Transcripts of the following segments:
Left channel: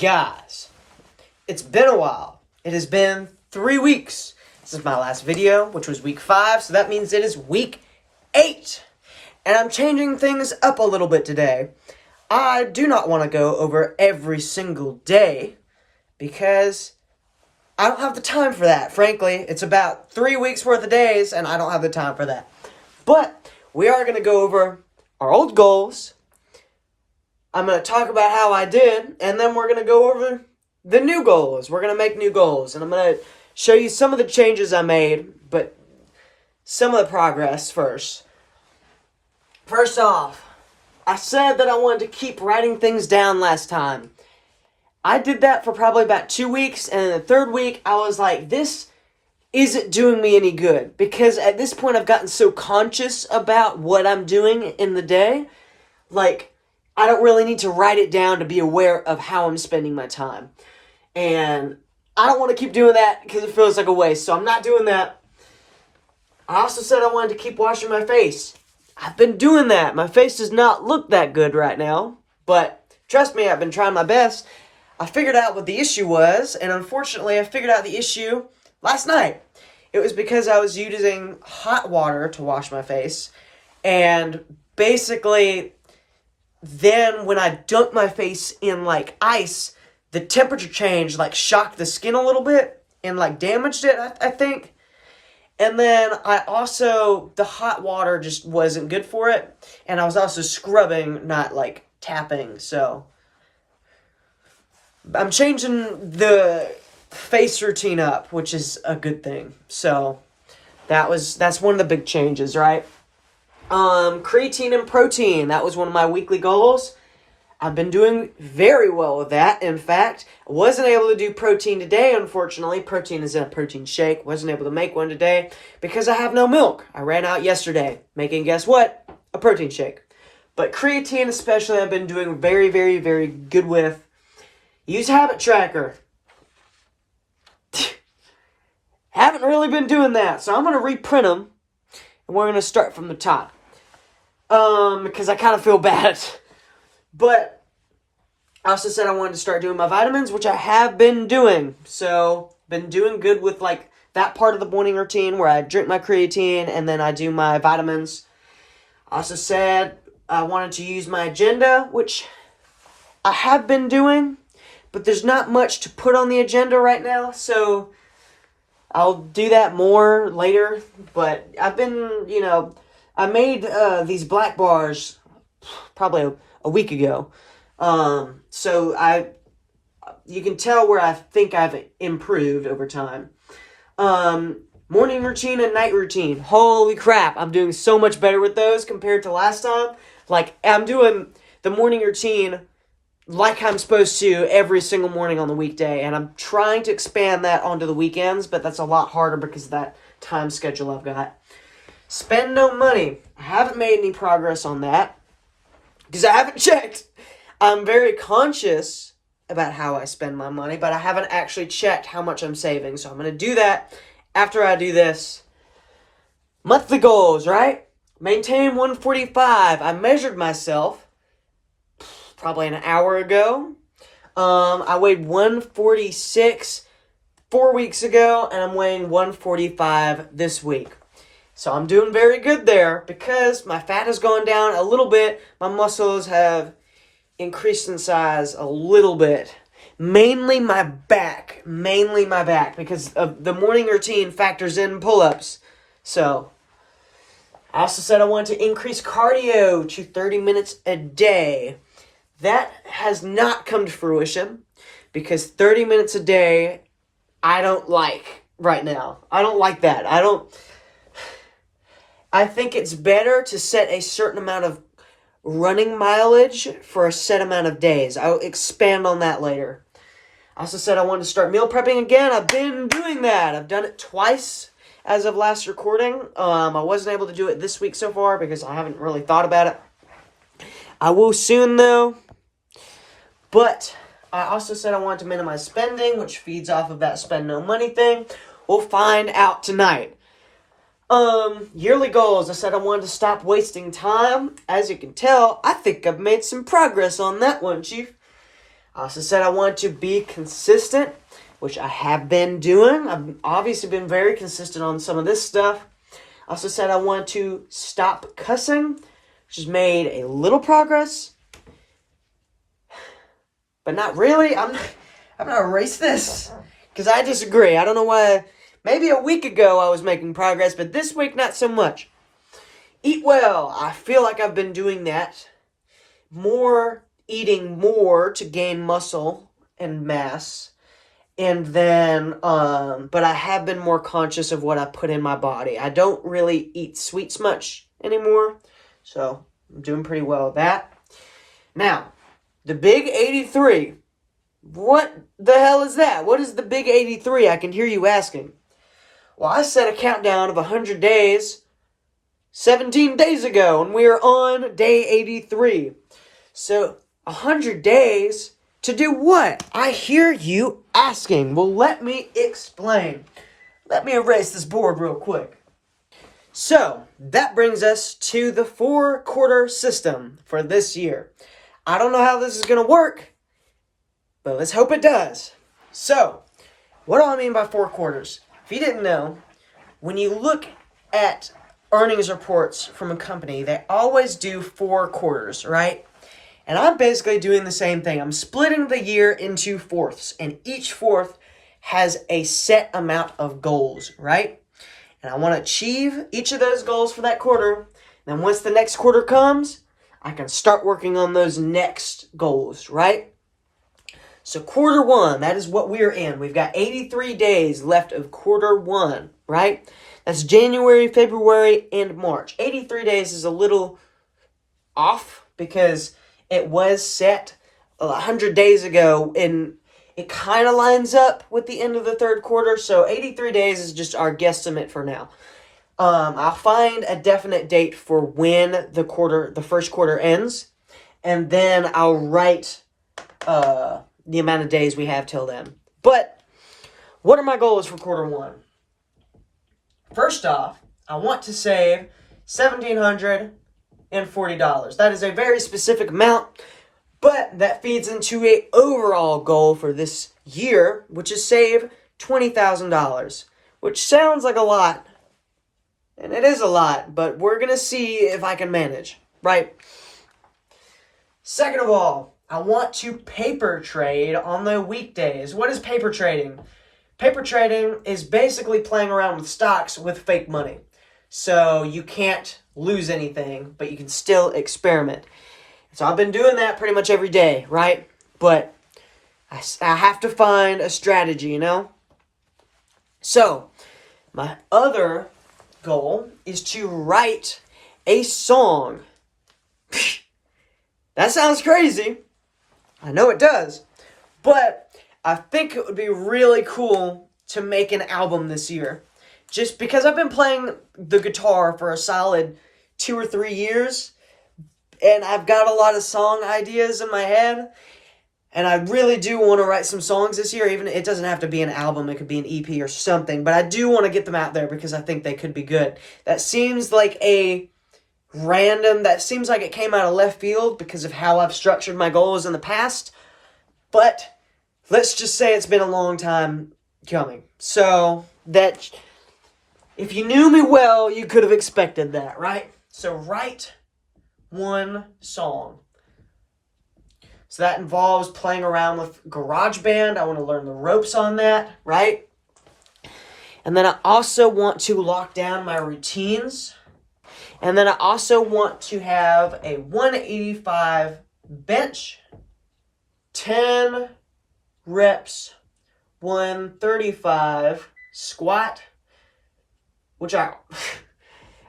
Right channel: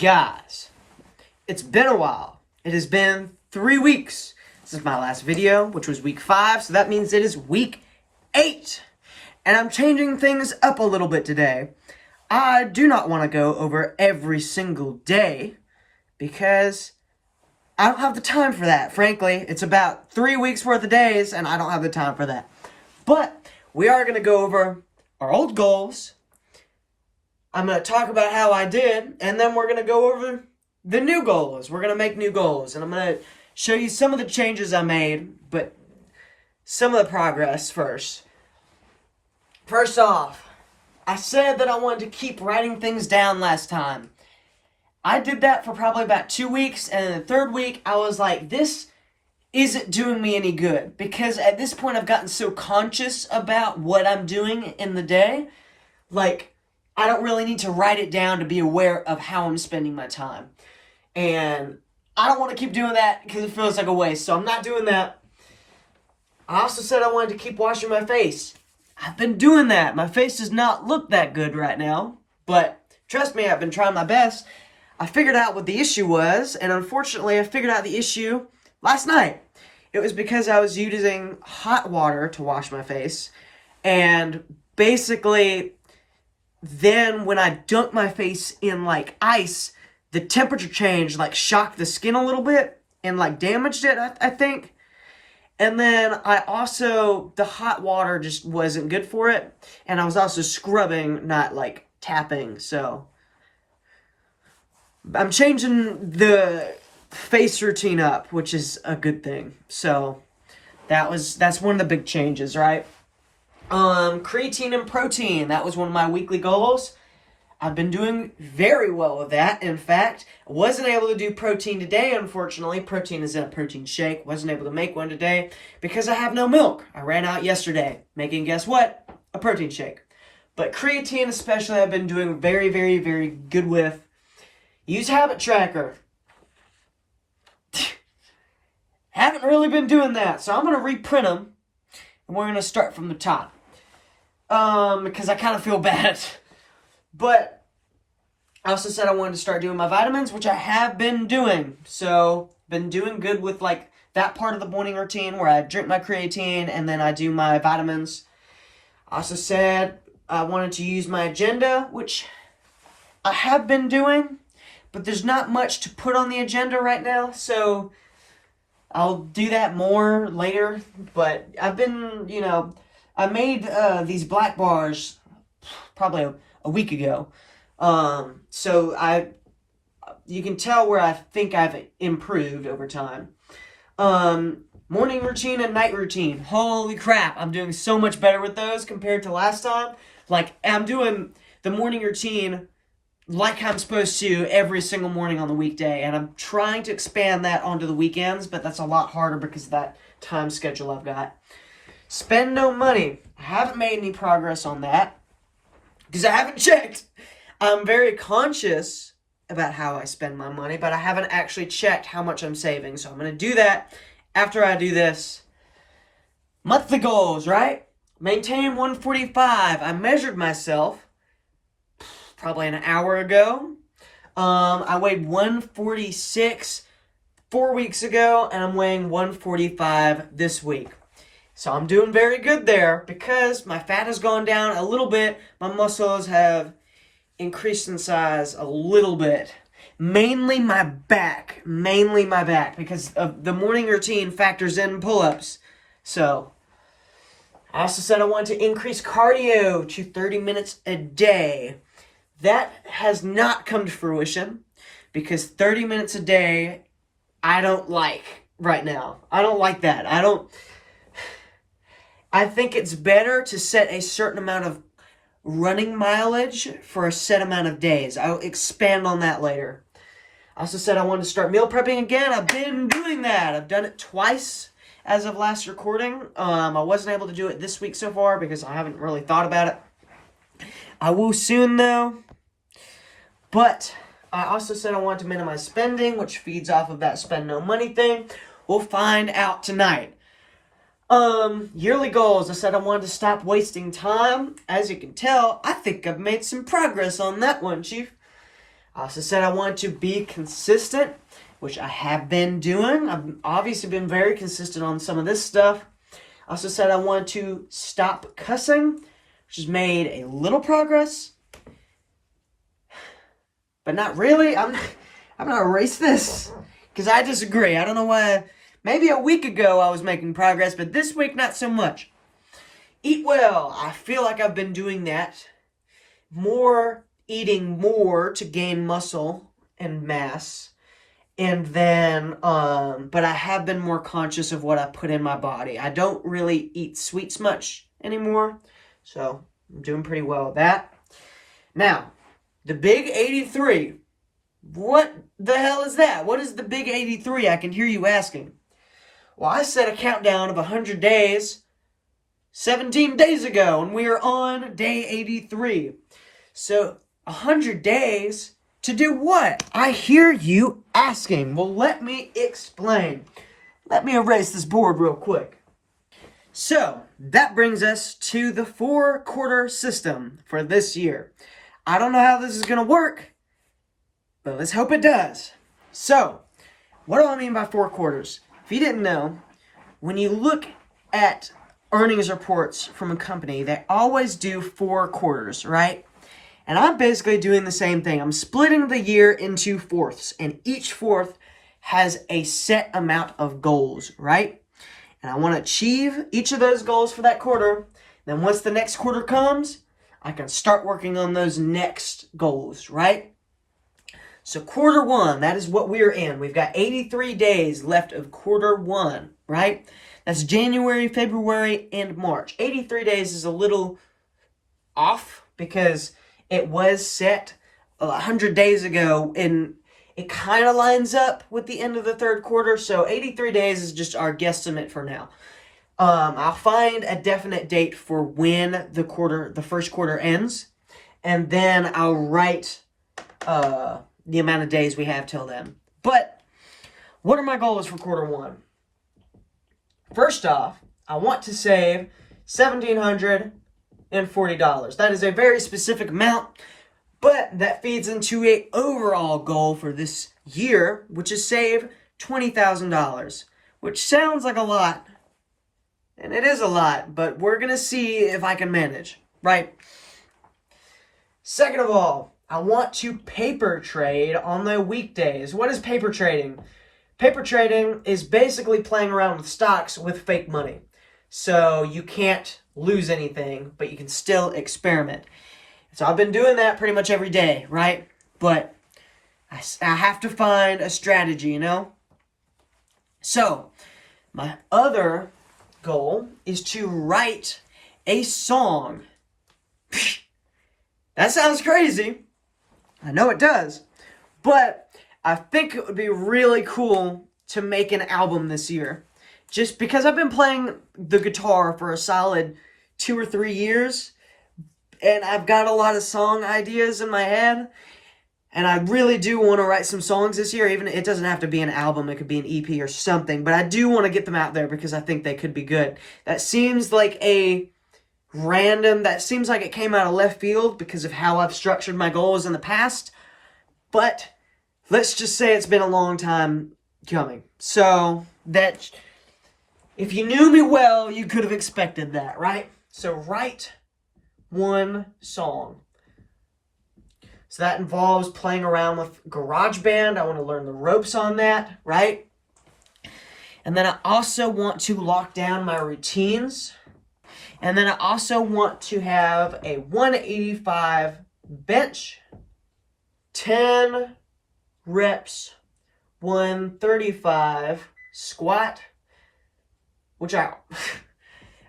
Guys, it's been a while. It has been 3 weeks since my last video, which was week 5, so that means it is week 8. And I'm changing things up a little bit today. I do not want to go over every single day because I don't have the time for that. Frankly, it's about 3 weeks worth of days and I don't have the time for that. But we are going to go over our old goals. I'm going to talk about how I did, and then we're going to go over the new goals. We're going to make new goals, and I'm going to show you some of the changes I made, but some of the progress first. First off, I said that I wanted to keep writing things down last time. I did that for probably about 2 weeks, and in the third week, I was like, this isn't doing me any good, because at this point, I've gotten so conscious about what I'm doing in the day, like, I don't really need to write it down to be aware of how I'm spending my time. And I don't want to keep doing that because it feels like a waste. So I'm not doing that. I also said I wanted to keep washing my face. I've been doing that. My face does not look that good right now. But trust me, I've been trying my best. I figured out what the issue was. And unfortunately, I figured out the issue last night. It was because I was using hot water to wash my face. And basically, then when I dunked my face in like ice, the temperature change like shocked the skin a little bit and like damaged it, I think. And then I also, the hot water just wasn't good for it. And I was also scrubbing, not like tapping. So I'm changing the face routine up, which is a good thing. So that's one of the big changes, right? Creatine and protein. That was one of my weekly goals. I've been doing very well with that. In fact, I wasn't able to do protein today, unfortunately. Protein is in a protein shake. Wasn't able to make one today because I have no milk. I ran out yesterday, making, guess what? A protein shake. But creatine especially, I've been doing very, very, very good with. Use Habit Tracker. Haven't really been doing that, so I'm going to reprint them. And we're going to start from the top. Because I kind of feel bad. But I also said I wanted to start doing my vitamins, which I have been doing. So, been doing good with like that part of the morning routine where I drink my creatine and then I do my vitamins. I also said I wanted to use my agenda, which I have been doing, but there's not much to put on the agenda right now. So, I'll do that more later. But I've been, I made these black bars probably a week ago. So you can tell where I think I've improved over time. Morning routine and night routine. Holy crap, I'm doing so much better with those compared to last time. Like, I'm doing the morning routine like I'm supposed to every single morning on the weekday. And I'm trying to expand that onto the weekends, but that's a lot harder because of that time schedule I've got. Spend no money. I haven't made any progress on that because I haven't checked. I'm very conscious about how I spend my money, but I haven't actually checked how much I'm saving. So I'm going to do that after I do this. Monthly goals, right? Maintain 145. I measured myself probably an hour ago. I weighed 146 4 weeks ago, and I'm weighing 145 this week. So I'm doing very good there because my fat has gone down a little bit. My muscles have increased in size a little bit. Mainly my back because of the morning routine factors in pull-ups. So I also said I wanted to increase cardio to 30 minutes a day. That has not come to fruition because 30 minutes a day I don't like right now. I don't like that. I think it's better to set a certain amount of running mileage for a set amount of days. I'll expand on that later. I also said I wanted to start meal prepping again. I've been doing that. I've done it twice as of last recording. I wasn't able to do it this week so far because I haven't really thought about it. I will soon though. But I also said I wanted to minimize spending, which feeds off of that spend no money thing. We'll find out tonight. Yearly goals. I said I wanted to stop wasting time. As you can tell, I think I've made some progress on that one, Chief. I also said I want to be consistent, which I have been doing. I've obviously been very consistent on some of this stuff. I also said I want to stop cussing, which has made a little progress. But not really. I'm going to erase this because I disagree. I don't know why. Maybe a week ago I was making progress, but this week not so much. Eat well. I feel like I've been doing that. Eating more to gain muscle and mass. And then, but I have been more conscious of what I put in my body. I don't really eat sweets much anymore. So I'm doing pretty well with that. Now, the big 83. What the hell is that? What is the big 83? I can hear you asking. Well, I set a countdown of 100 days 17 days ago, and we are on day 83. So, 100 days to do what? I hear you asking. Well, let me explain. Let me erase this board real quick. So, that brings us to the 4-quarter system for this year. I don't know how this is going to work, but let's hope it does. So, what do I mean by 4 quarters? If you didn't know, when you look at earnings reports from a company, they always do 4 quarters, right? And I'm basically doing the same thing. I'm splitting the year into fourths, and each fourth has a set amount of goals, right? And I want to achieve each of those goals for that quarter. Then once the next quarter comes, I can start working on those next goals, right? So quarter 1, that is what we're in. We've got 83 days left of quarter 1, right? That's January, February, and March. 83 days is a little off because it was set 100 days ago, and it kind of lines up with the end of the 3rd quarter. So 83 days is just our guesstimate for now. I'll find a definite date for when the 1st quarter ends, and then I'll write the amount of days we have till then. But what are my goals for quarter 1? First off, I want to save $1,740. That is a very specific amount, but that feeds into an overall goal for this year, which is save $20,000, which sounds like a lot, and it is a lot, but we're going to see if I can manage, right? Second of all, I want to paper trade on the weekdays. What is paper trading? Paper trading is basically playing around with stocks with fake money. So you can't lose anything, but you can still experiment. So I've been doing that pretty much every day, right? But I have to find a strategy, you know? So my other goal is to write a song. That sounds crazy. I know it does. But I think it would be really cool to make an album this year. Just because I've been playing the guitar for a solid 2 or 3 years, and I've got a lot of song ideas in my head, and I really do want to write some songs this year. Even it doesn't have to be an album, it could be an EP or something, but I do want to get them out there because I think they could be good. That seems like it came out of left field because of how I've structured my goals in the past, but let's just say it's been a long time coming. So that if you knew me well, you could have expected that, right? So write one song. So that involves playing around with GarageBand. I want to learn the ropes on that, right? And then I also want to lock down my routines. And then I also want to have a 185 bench, 10 reps, 135 squat, which I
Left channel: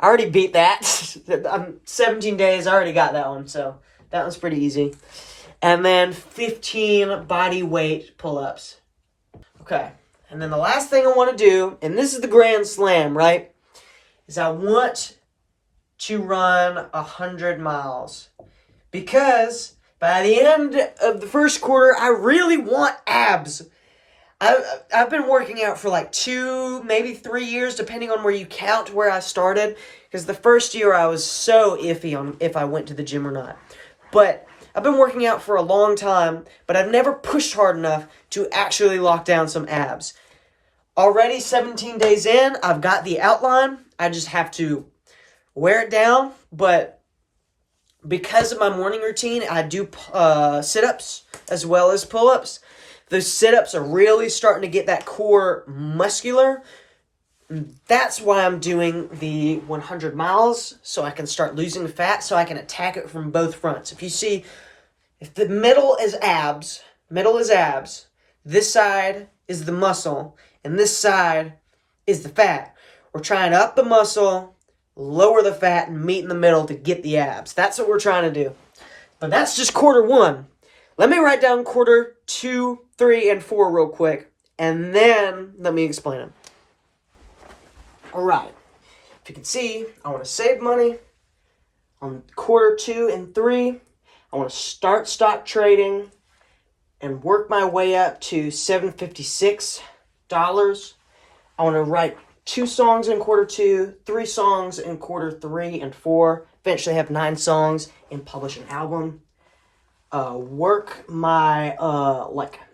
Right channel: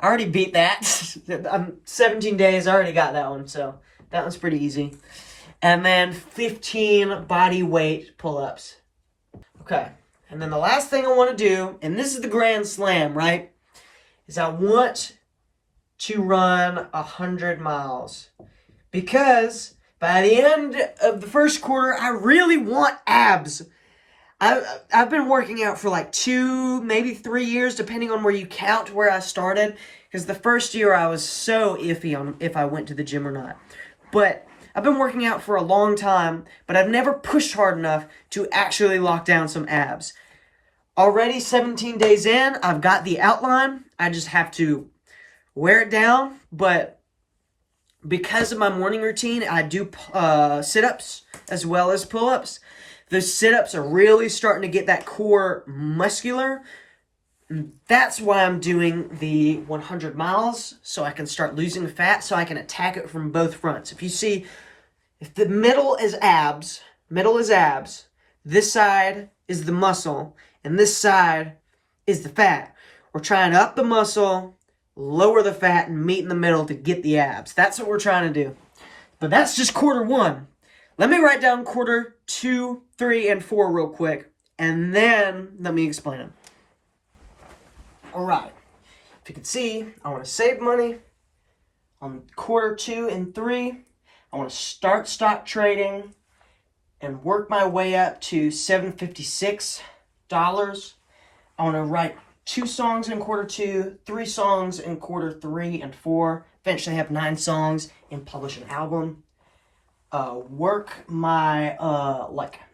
already beat that. I'm 17 days, I already got that one, so that one's pretty easy. And then 15 body weight pull-ups. Okay, and then the last thing I want to do, and this is the grand slam, right, is I want to run 100 miles. Because by the end of the 1st quarter, I really want abs. I've been working out for like 2, maybe 3 years, depending on where you count where I started. Because the first year I was so iffy on if I went to the gym or not. But I've been working out for a long time, but I've never pushed hard enough to actually lock down some abs. Already 17 days in, I've got the outline. I just have to wear it down, but because of my morning routine, I do sit-ups as well as pull-ups. Those sit-ups are really starting to get that core muscular. That's why I'm doing the 100 miles, so I can start losing fat, so I can attack it from both fronts. If you see, if the middle is abs, this side is the muscle, and this side is the fat. We're trying to up the muscle, lower the fat, and meet in the middle to get the abs. That's what we're trying to do. But that's just quarter one. Let me write down quarter 2, 3, and 4 real quick, and then let me explain them. Alright, if you can see, I want to save money on quarter 2 and 3. I want to start stock trading and work my way up to $756. I want to write 2 songs in quarter 2, 3 songs in quarter 3 and 4, eventually have 9 songs and publish an album. Work my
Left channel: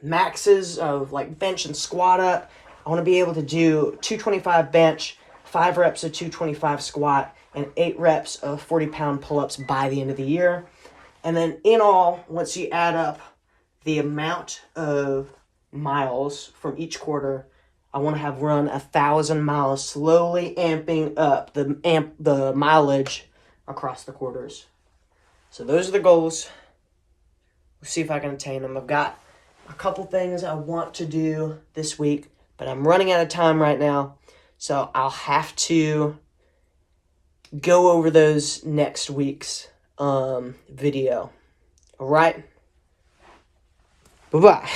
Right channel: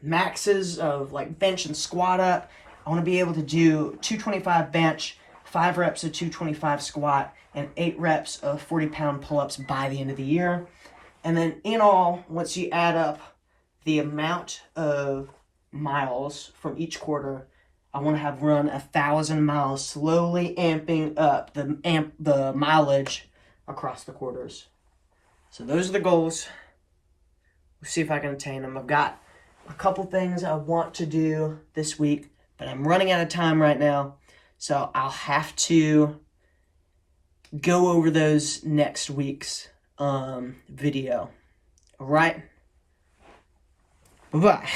maxes of bench and squat up. I want to be able to do 225 bench, 5 reps of 225 squat, and 8 reps of 40-pound pull-ups by the end of the year. And then in all, once you add up the amount of miles from each quarter, I want to have run 1,000 miles, slowly amping up the mileage across the quarters. So those are the goals. We'll see if I can attain them. I've got a couple things I want to do this week, but I'm running out of time right now, so I'll have to go over those next week's video. All right? Bye-bye.